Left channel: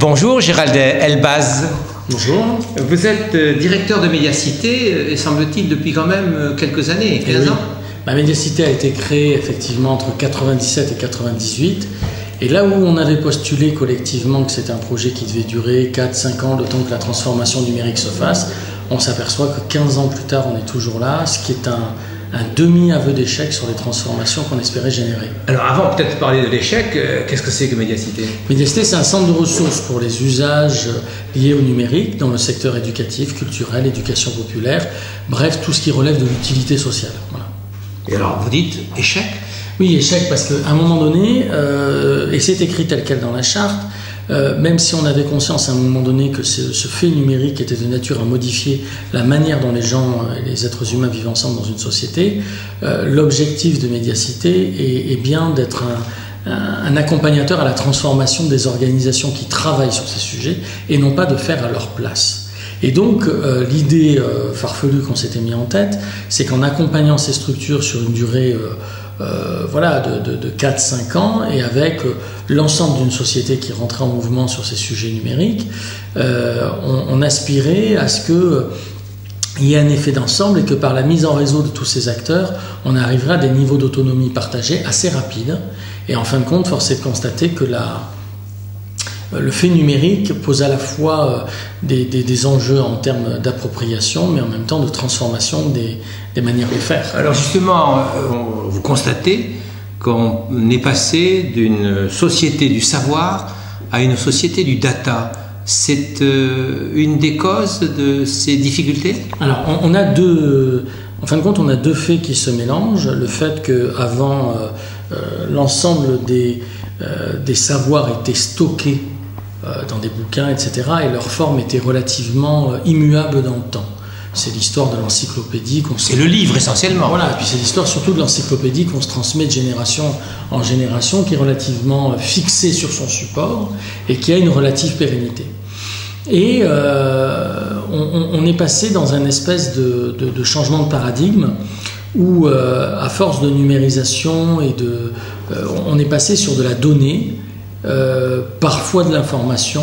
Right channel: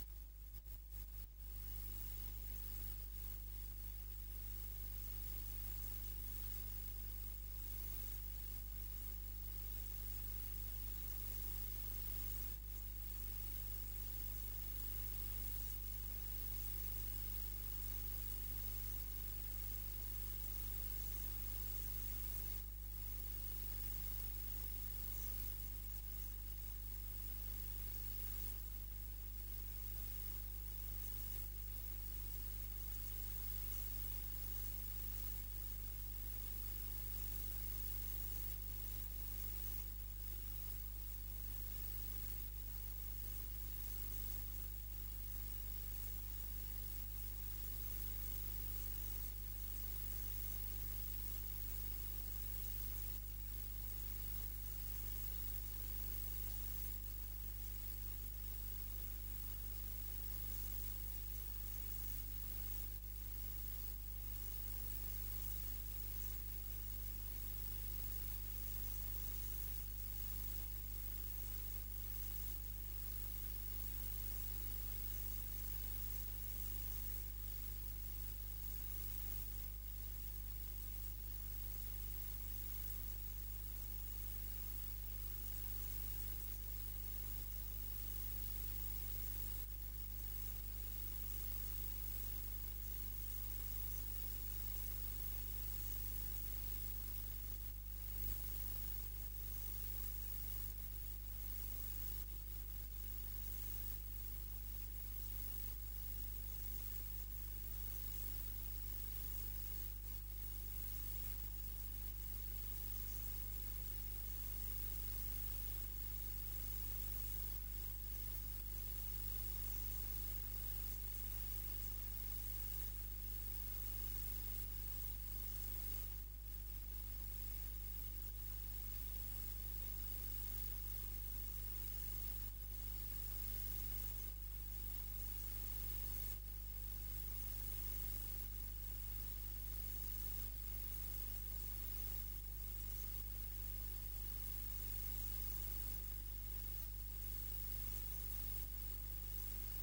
Bonjour Gérald Elbaz. Bonjour. Vous êtes directeur de Médiacité, et semble-t-il depuis quand même quelques années, 15 ans. La Médiacité a été créée effectivement entre 97 et 98. Et là où on avait postulé collectivement que c'était un projet qui devait durer 4-5 ans, le temps que la transformation numérique se fasse, on s'aperçoit que 15 ans plus tard, on est toujours là, ce qui est un demi-aveu d'échec sur les transformations qu'on espérait générer. Alors avant peut-être de parler de l'échec, qu'est-ce que c'est que Médiacité? Médiacité, c'est un centre de ressources pour les usages liés au numérique dans le secteur éducatif, culturel, éducation populaire, bref, tout ce qui relève de l'utilité sociale. Voilà. Et alors vous dites échec? Oui, échec parce qu'à un moment donné, et c'est écrit tel quel dans la charte, même si on avait conscience à un moment donné que ce fait numérique était de nature à modifier la manière dont les gens, les êtres humains vivent ensemble dans une société, l'objectif de Médiacité est bien d'être un accompagnateur à la transformation des organisations qui travaillent sur ces sujets et non pas de faire à leur place. Et donc l'idée farfelue qu'on s'était mis en tête, c'est qu'en accompagnant ces structures sur une durée de 4-5 ans et avec l'ensemble d'une société qui rentrait en mouvement sur ces sujets numériques, on aspirait à ce qu'il y ait un effet d'ensemble et que par la mise en réseau de tous ces acteurs, on arrivera à des niveaux d'autonomie partagés assez rapides. Et en fin de compte, force est de constater que le fait numérique pose à la fois des enjeux en termes d'appropriation, mais en même temps de transformation des manières de faire. Alors justement, vous constatez qu'on est passé d'une société du savoir à une société du data. C'est une des causes de ces difficultés? Alors, en fin de compte, on a deux faits qui se mélangent. Le fait qu'avant, l'ensemble des savoirs étaient stockés dans des bouquins, etc. Et leur forme était relativement immuable dans le temps. C'est l'histoire de l'encyclopédie. C'est le livre essentiellement. Voilà, et puis c'est l'histoire surtout de l'encyclopédie qu'on se transmet de génération en génération, qui est relativement fixée sur son support et qui a une relative pérennité. Et on est passé dans un espèce de changement de paradigme où, à force de numérisation on est passé sur de la donnée, parfois de l'information,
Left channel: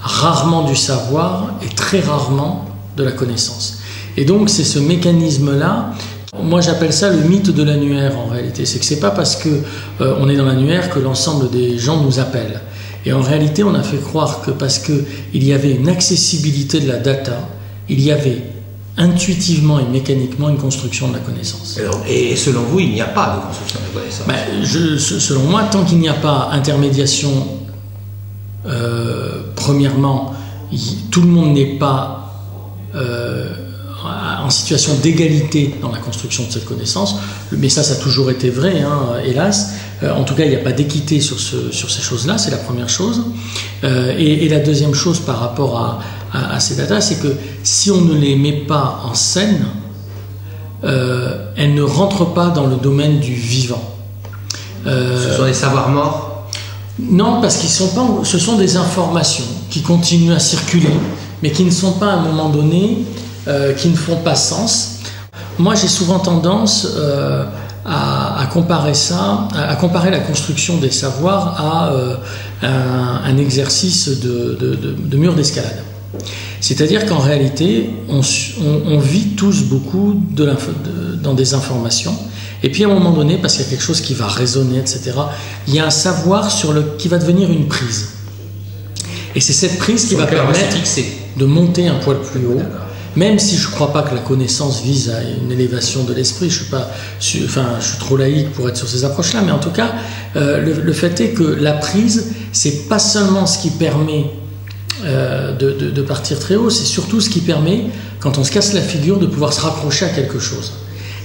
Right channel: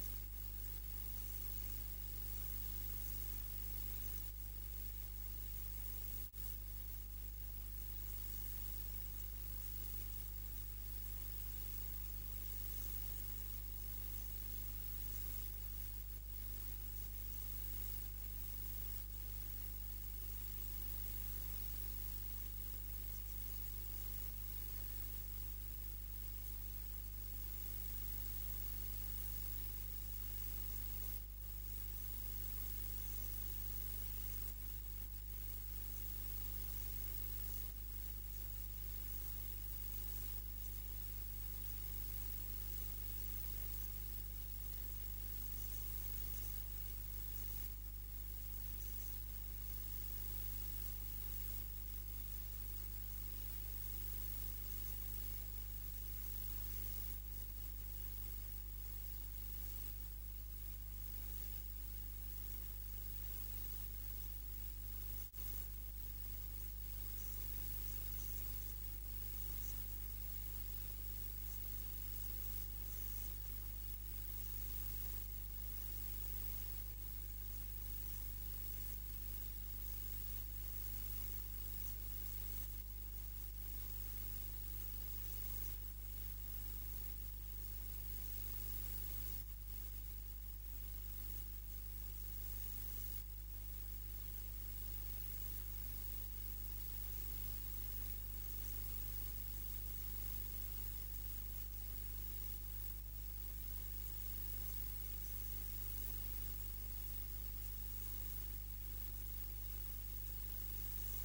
rarement du savoir et très rarement de la connaissance. Et donc c'est ce mécanisme-là, moi j'appelle ça le mythe de l'annuaire en réalité. C'est que c'est pas parce qu'on est dans l'annuaire que l'ensemble des gens nous appellent. Et en réalité on a fait croire que parce qu'il y avait une accessibilité de la data, il y avait intuitivement et mécaniquement une construction de la connaissance. Et selon vous, il n'y a pas de construction de la connaissance? Selon moi, tant qu'il n'y a pas intermédiation, premièrement, tout le monde n'est pas en situation d'égalité dans la construction de cette connaissance, mais ça a toujours été vrai, hélas. En tout cas, il n'y a pas d'équité sur ces choses-là, c'est la première chose. Et la deuxième chose par rapport à ces datas, c'est que si on ne les met pas en scène, elles ne rentrent pas dans le domaine du vivant. Ce sont des savoirs morts? Non, parce ce sont des informations qui continuent à circuler, mais qui ne sont pas à un moment donné, qui ne font pas sens. Moi, j'ai souvent tendance à comparer la construction des savoirs à un exercice de mur d'escalade. C'est-à-dire qu'en réalité, on vit tous beaucoup dans des informations, et puis à un moment donné, parce qu'il y a quelque chose qui va résonner, etc., il y a un savoir qui va devenir une prise. Et c'est cette prise qui va permettre de monter un poil plus haut, même si je ne crois pas que la connaissance vise à une élévation de l'esprit. Je suis trop laïque pour être sur ces approches-là, mais en tout cas, le fait est que la prise, c'est pas seulement ce qui permet de partir très haut, c'est surtout ce qui permet, quand on se casse la figure, de pouvoir se raccrocher à quelque chose.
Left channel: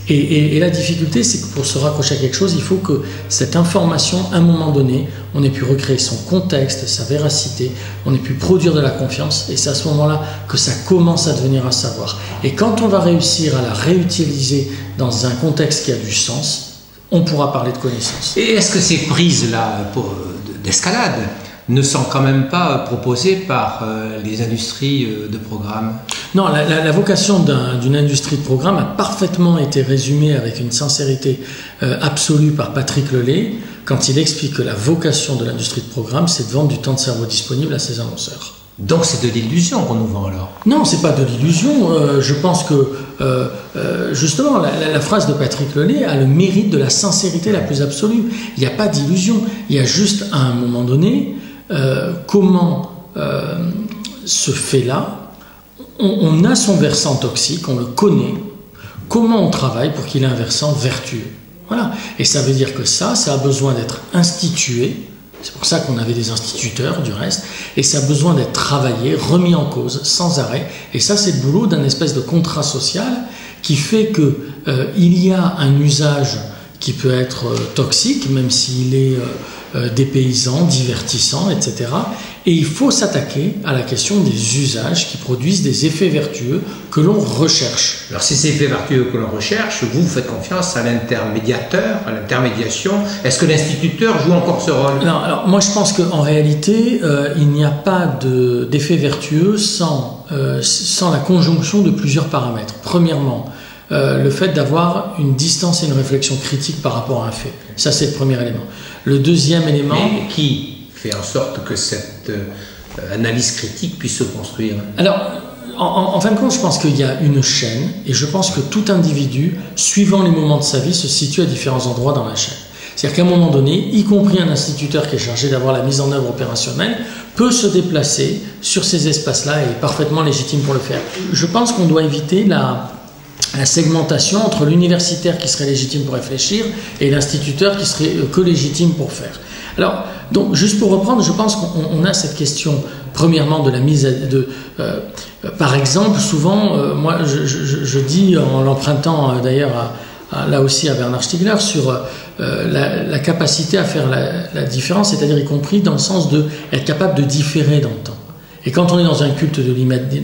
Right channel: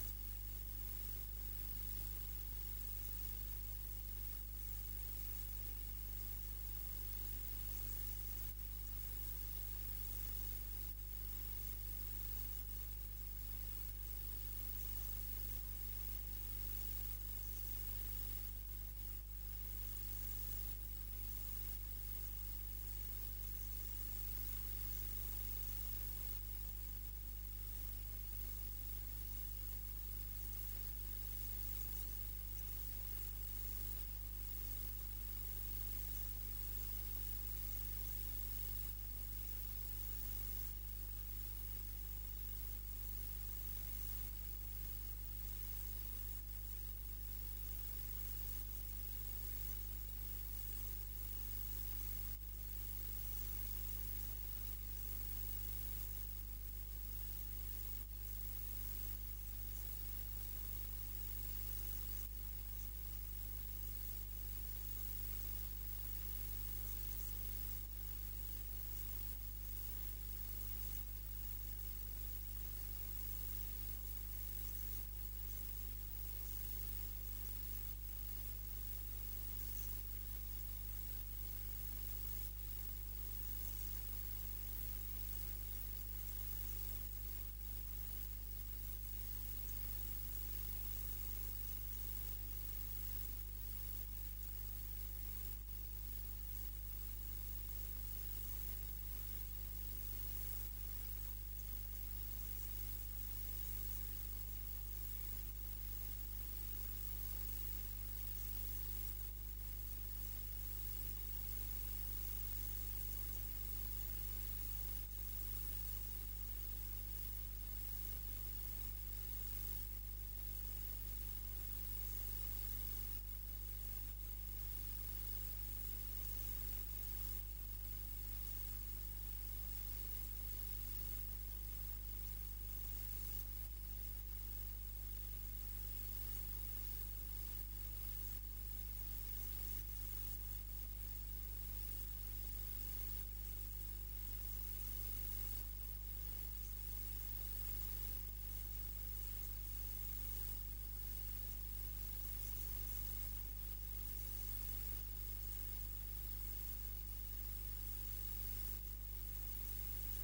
Et la difficulté, c'est que pour se raccrocher à quelque chose, il faut que cette information, à un moment donné, on ait pu recréer son contexte, sa véracité, on ait pu produire de la confiance, et c'est à ce moment-là que ça commence à devenir un savoir. Et quand on va réussir à la réutiliser dans un contexte qui a du sens, on pourra parler de connaissance. Et est-ce que ces prises-là d'escalade ne sont quand même pas proposés par les industries de programme. Non, la vocation d'une industrie de programme a parfaitement été résumée avec une sincérité absolue par Patrick Lelay quand il explique que la vocation de l'industrie de programme, c'est de vendre du temps de cerveau disponible à ses annonceurs. Donc c'est de l'illusion qu'on nous vend alors? Non, c'est pas de l'illusion. Je pense que justement la phrase de Patrick Lelay a le mérite de la sincérité la plus absolue. Il n'y a pas d'illusion. Il y a juste à un moment donné comment ce fait-là, on a son versant toxique, on le connaît. Comment on travaille pour qu'il ait un versant vertueux? Voilà. Et ça veut dire que ça a besoin d'être institué. C'est pour ça qu'on avait des instituteurs, du reste, et ça a besoin d'être travaillé, remis en cause, sans arrêt. Et ça, c'est le boulot d'un espèce de contrat social qui fait qu'il y a un usage qui peut être toxique, même s'il est dépaysant, divertissant, etc. Et il faut s'attaquer à la question des usages qui produisent des effets vertueux que l'on recherche. Alors ces effets vertueux que l'on recherche, vous faites confiance à l'intermédiateur, à l'intermédiation. Est-ce que l'instituteur joue encore ce rôle? Non, alors moi je pense qu'en réalité, il n'y a pas d'effet vertueux sans la conjonction de plusieurs paramètres. Premièrement, le fait d'avoir une distance et une réflexion critique par rapport à un fait. Ça, c'est le premier élément. Le deuxième élément... Mais qui fait en sorte que cette analyse critique puisse se construire? Alors, en fin de compte, je pense qu'il y a une chaîne, et je pense que tout individu, suivant les moments de sa vie, se situe à différents endroits dans la chaîne. C'est-à-dire qu'à un moment donné, y compris un instituteur qui est chargé d'avoir la mise en œuvre opérationnelle, peut se déplacer sur ces espaces-là et est parfaitement légitime pour le faire. Je pense qu'on doit éviter la segmentation entre l'universitaire qui serait légitime pour réfléchir et l'instituteur qui serait que légitime pour faire. Alors, donc, juste pour reprendre, je pense qu'on a cette question, premièrement, de la mise par exemple, souvent, moi, je dis, en l'empruntant d'ailleurs là aussi à Bernard Stiegler, sur la capacité à faire la différence, c'est-à-dire y compris dans le sens d'être capable de différer dans le temps. Et quand on est dans un culte de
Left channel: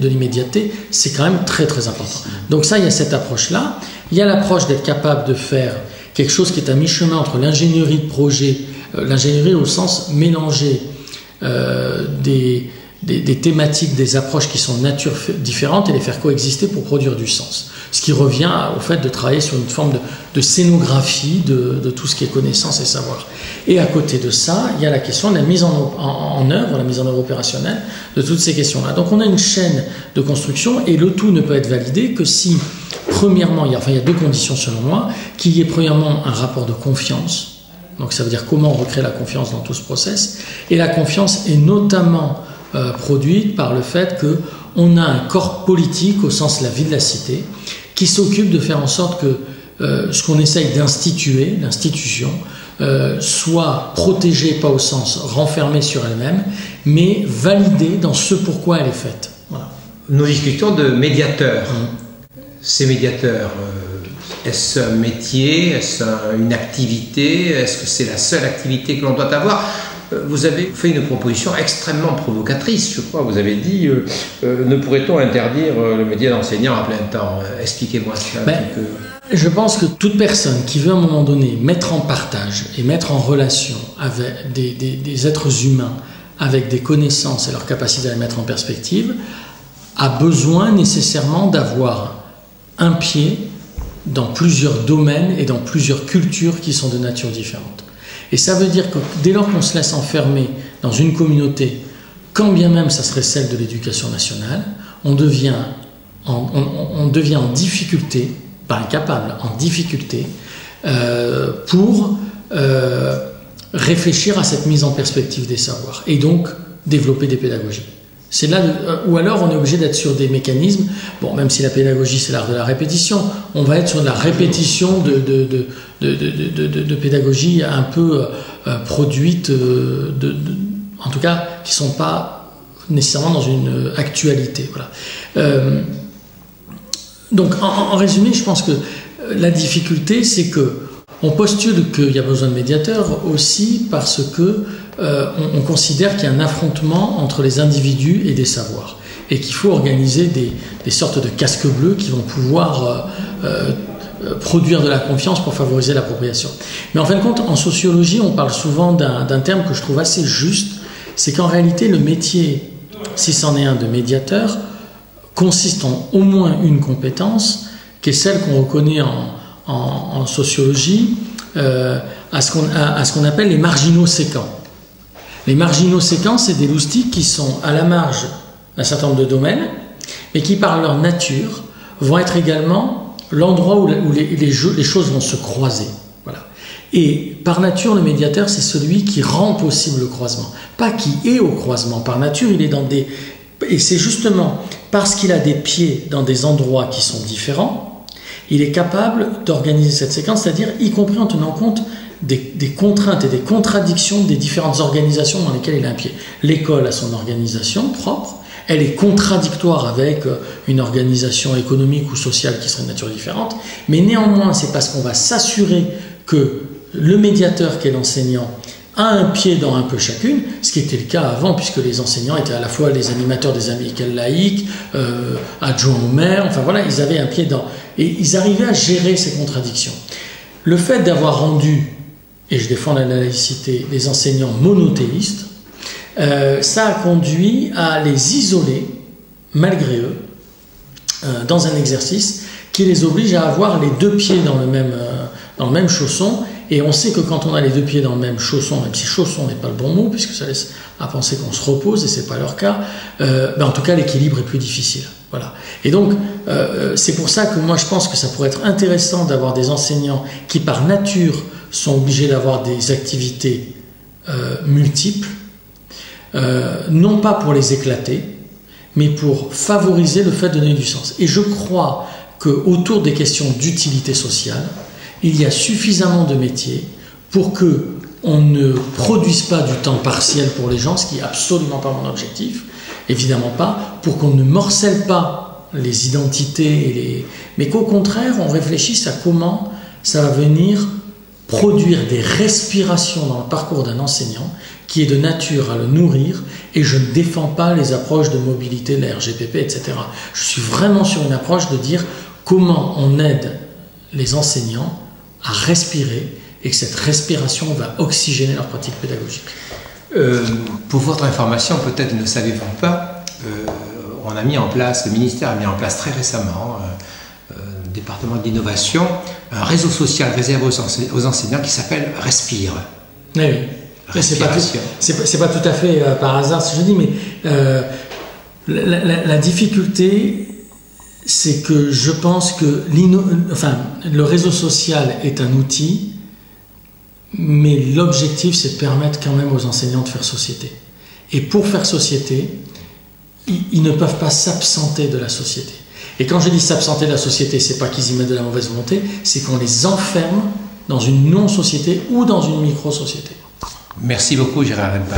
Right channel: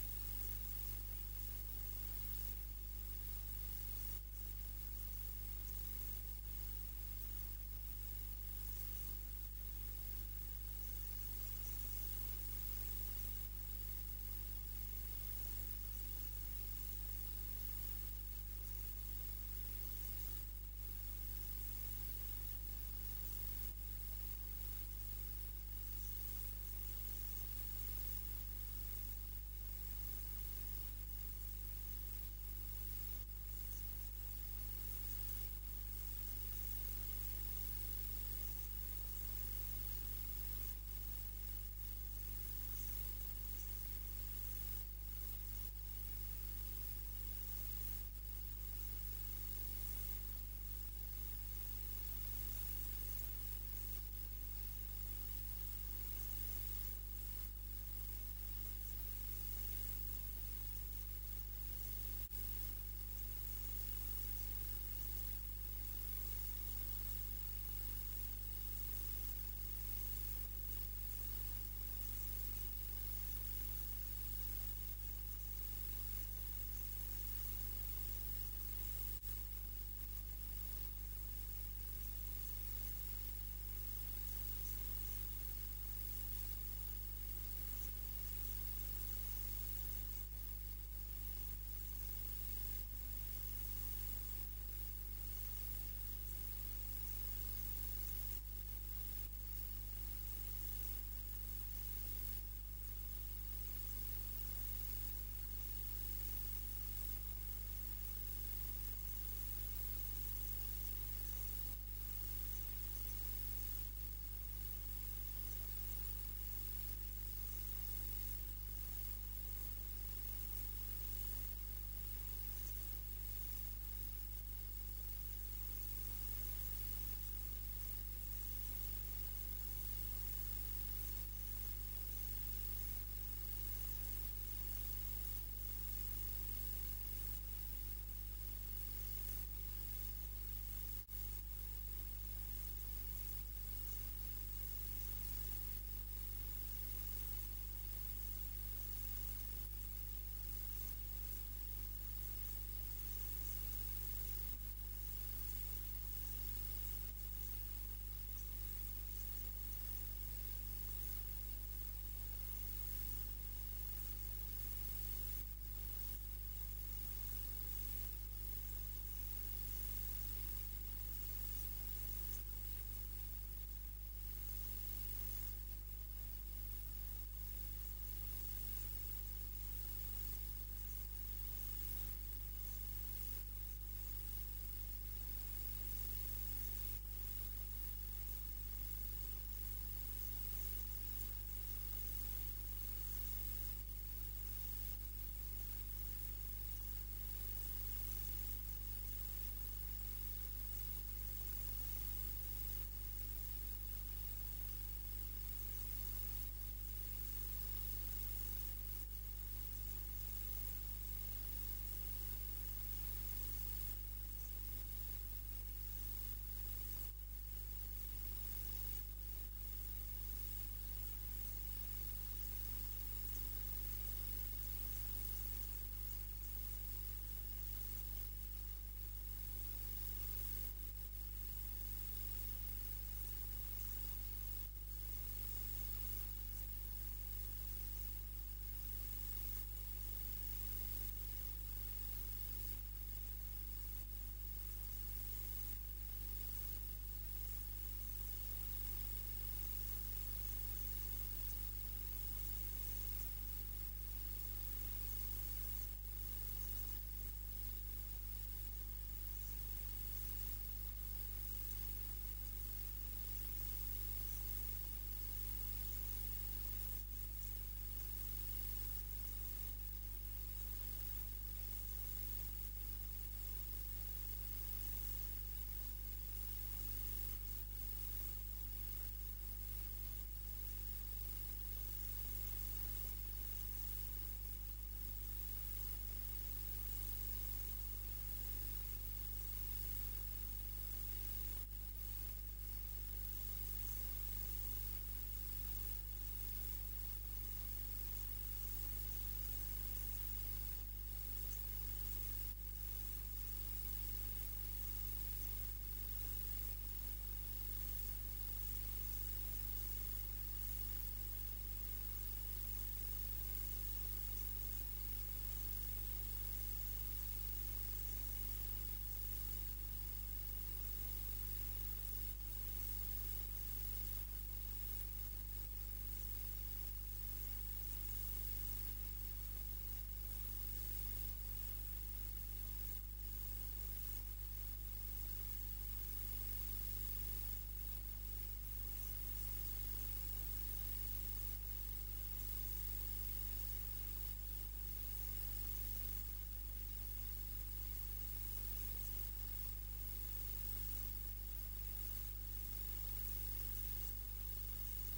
l'immédiateté, c'est quand même très très important. Donc ça, il y a cette approche-là. Il y a l'approche d'être capable de faire quelque chose qui est à mi-chemin entre l'ingénierie de projet, l'ingénierie au sens mélanger des thématiques, des approches qui sont de nature différente et les faire coexister pour produire du sens. Ce qui revient au fait de travailler sur une forme de scénographie de tout ce qui est connaissance et savoir. Et à côté de ça, il y a la question de la mise en œuvre, la mise en œuvre opérationnelle de toutes ces questions-là. Donc on a une chaîne de construction et le tout ne peut être validé que si, premièrement, il y a deux conditions selon moi, qu'il y ait premièrement un rapport de confiance. Donc ça veut dire comment on recrée la confiance dans tout ce process. Et la confiance est notamment produite par le fait qu'on a un corps politique au sens de la vie de la cité qui s'occupe de faire en sorte que ce qu'on essaye d'instituer, l'institution, soit protégée, pas au sens renfermée sur elle-même, mais validée dans ce pourquoi elle est faite. Voilà. Nous discutons de médiateurs. Ces médiateurs, est-ce un métier? Est-ce une activité? Est-ce que c'est la seule activité que l'on doit avoir? Vous avez fait une proposition extrêmement provocatrice, je crois. Vous avez dit ne pourrait-on interdire le métier d'enseignant à plein temps? Expliquez-moi ça un petit peu. Je pense que toute personne qui veut à un moment donné mettre en partage et mettre en relation avec des êtres humains avec des connaissances et leur capacité à les mettre en perspective a besoin nécessairement d'avoir un pied dans plusieurs domaines et dans plusieurs cultures qui sont de nature différente. Et ça veut dire que dès lors qu'on se laisse enfermer dans une communauté, quand bien même ça serait celle de l'éducation nationale, on devient en difficulté, pas incapable, en difficulté, pour réfléchir à cette mise en perspective des savoirs et donc développer des pédagogies. C'est là, ou alors on est obligé d'être sur des mécanismes, bon, même si la pédagogie c'est l'art de la répétition, on va être sur de la répétition de pédagogie un peu produite, en tout cas qui ne sont pas nécessairement dans une actualité. Voilà. Donc en résumé, je pense que la difficulté c'est que on postule qu'il y a besoin de médiateurs aussi parce que on considère qu'il y a un affrontement entre les individus et des savoirs et qu'il faut organiser des sortes de casques bleus qui vont pouvoir produire de la confiance pour favoriser l'appropriation. Mais en fin de compte, en sociologie, on parle souvent d'un terme que je trouve assez juste c'est qu'en réalité, le métier, si c'en est un de médiateur, consiste en au moins une compétence, qui est celle qu'on reconnaît en sociologie, à ce qu'on appelle les marginaux séquents. Les marginaux séquents, c'est des loustiques qui sont à la marge d'un certain nombre de domaines, mais qui, par leur nature, vont être également l'endroit où les choses vont se croiser. Voilà. Et par nature, le médiateur, c'est celui qui rend possible le croisement. Pas qui est au croisement. Par nature, il est dans des... Et c'est justement parce qu'il a des pieds dans des endroits qui sont différents, il est capable d'organiser cette séquence, c'est-à-dire y compris en tenant compte des contraintes et des contradictions des différentes organisations dans lesquelles il a un pied. L'école a son organisation propre, elle est contradictoire avec une organisation économique ou sociale qui serait de nature différente, mais néanmoins, c'est parce qu'on va s'assurer que le médiateur qui est l'enseignant a un pied dans un peu chacune, ce qui était le cas avant, puisque les enseignants étaient à la fois les animateurs des amicales laïques, adjoints au maire, enfin voilà, ils avaient un pied dans... Et ils arrivaient à gérer ces contradictions. Le fait d'avoir rendu, et je défends la laïcité, les enseignants monothéistes, ça a conduit à les isoler, malgré eux, dans un exercice qui les oblige à avoir les deux pieds dans le même chausson. Et on sait que quand on a les deux pieds dans le même chausson, même si chausson n'est pas le bon mot, puisque ça laisse à penser qu'on se repose, et ce n'est pas leur cas, en tout cas l'équilibre est plus difficile. Voilà. Et donc, c'est pour ça que moi je pense que ça pourrait être intéressant d'avoir des enseignants qui par nature sont obligés d'avoir des activités multiples, non pas pour les éclater, mais pour favoriser le fait de donner du sens. Et je crois qu'autour des questions d'utilité sociale, il y a suffisamment de métiers pour qu'on ne produise pas du temps partiel pour les gens, ce qui n'est absolument pas mon objectif, évidemment pas, pour qu'on ne morcelle pas les identités, mais qu'au contraire, on réfléchisse à comment ça va venir produire des respirations dans le parcours d'un enseignant qui est de nature à le nourrir, et je ne défends pas les approches de mobilité, la RGPP, etc. Je suis vraiment sur une approche de dire comment on aide les enseignants à respirer, et que cette respiration va oxygéner leur pratique pédagogique. Pour votre information, peut-être ne le savez-vous pas, le ministère a mis en place très récemment, le département de l'innovation, un réseau social réservé aux enseignants qui s'appelle Respire. Oui, oui. C'est pas tout à fait par hasard ce que je dis, mais la difficulté, c'est que je pense que le réseau social est un outil, mais l'objectif, c'est de permettre quand même aux enseignants de faire société. Et pour faire société, ils ne peuvent pas s'absenter de la société. Et quand je dis s'absenter de la société, c'est pas qu'ils y mettent de la mauvaise volonté, c'est qu'on les enferme dans une non-société ou dans une micro-société. Merci beaucoup, Gérard Elbaz.